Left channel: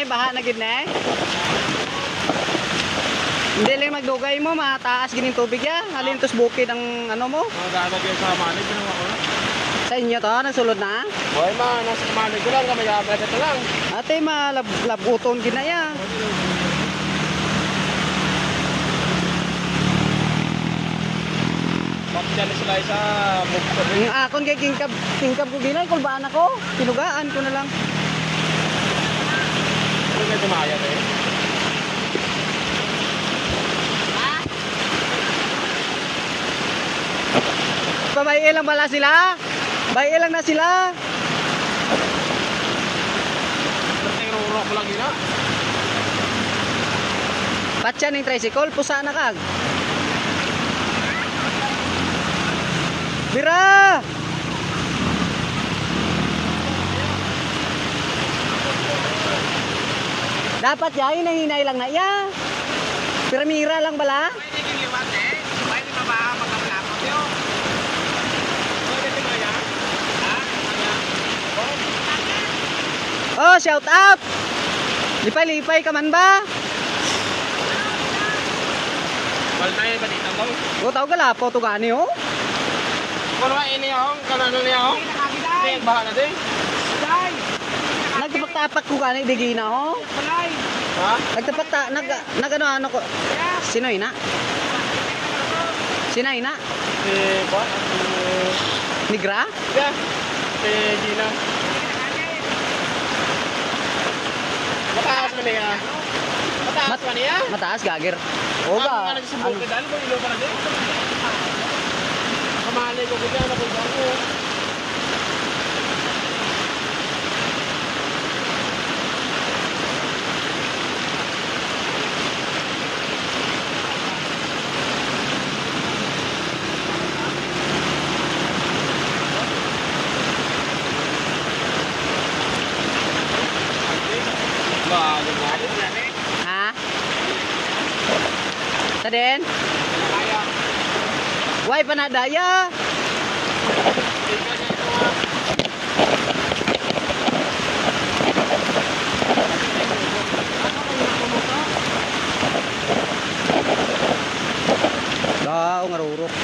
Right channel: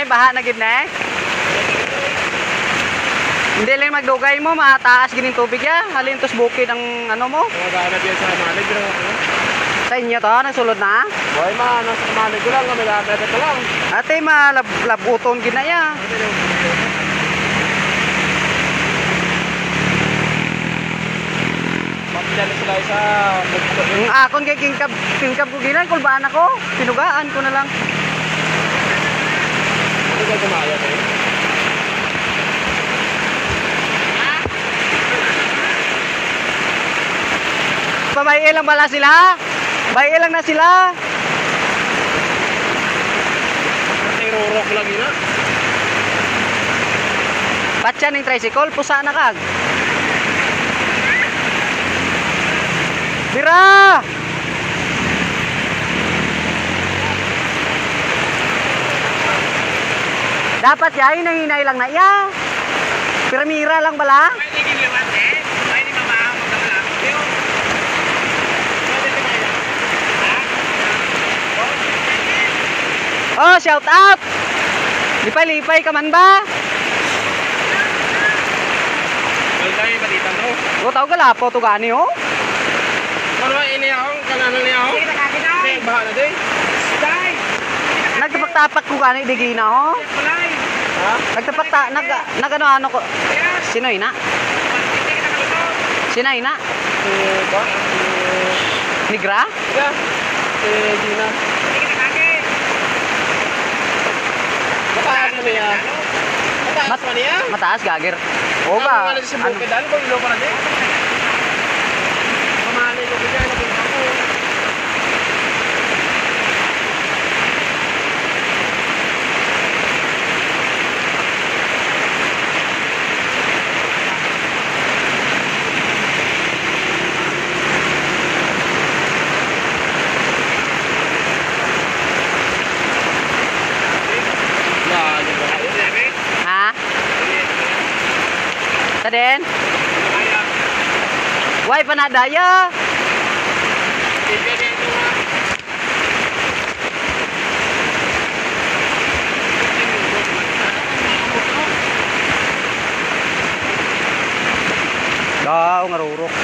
na baha na gid na. Hindi lang magdugay mo, mataas gining tubig ya. Halin tos bukid ang ano mo. Dagat yan sa manig ginawa ko. Sa inyo to, nagsulod na? Boy ma, nasa manig ko lang kami dagat ito lang. Ate, malabuton gid na ya. Papidyan sila sa bukod. Ang akon kay kingkab ko ginan, kulbaan ako. Pinugaan ko na lang. Ano kayo kumayan eh? Pabay lang pala sila. Bay lang na sila. Irurok lang yun ah. Patsa ning tricycle, pusa na kag. Bira! Dapat ya, hinay lang na iya. Piramira lang bala. Pwede giliwan eh. Pwede mabaho magkamalakot yun. Pwede timaya. Ha? Oh, shout out! Lipay-lipay ka man ba? Wala tayo kanita to. O, tao galapo to gani oh. Kung ini akong kananan niya akong. Hindi, baha na din. Day! Nagtapak-tapak ko gani digina oh. Palay! Ha? Nagano ko. Sino ina? Sino ina? Ba? Migra? Yeah. Gina. Mataas mo niya. Mataas mo niya? Mataas gagir. O ba? Ano si Bukid? Ano ba ilo para din? Kamali ko bigay na punta ko. Ha? Taden? Why panadaya? Daw ngarurok.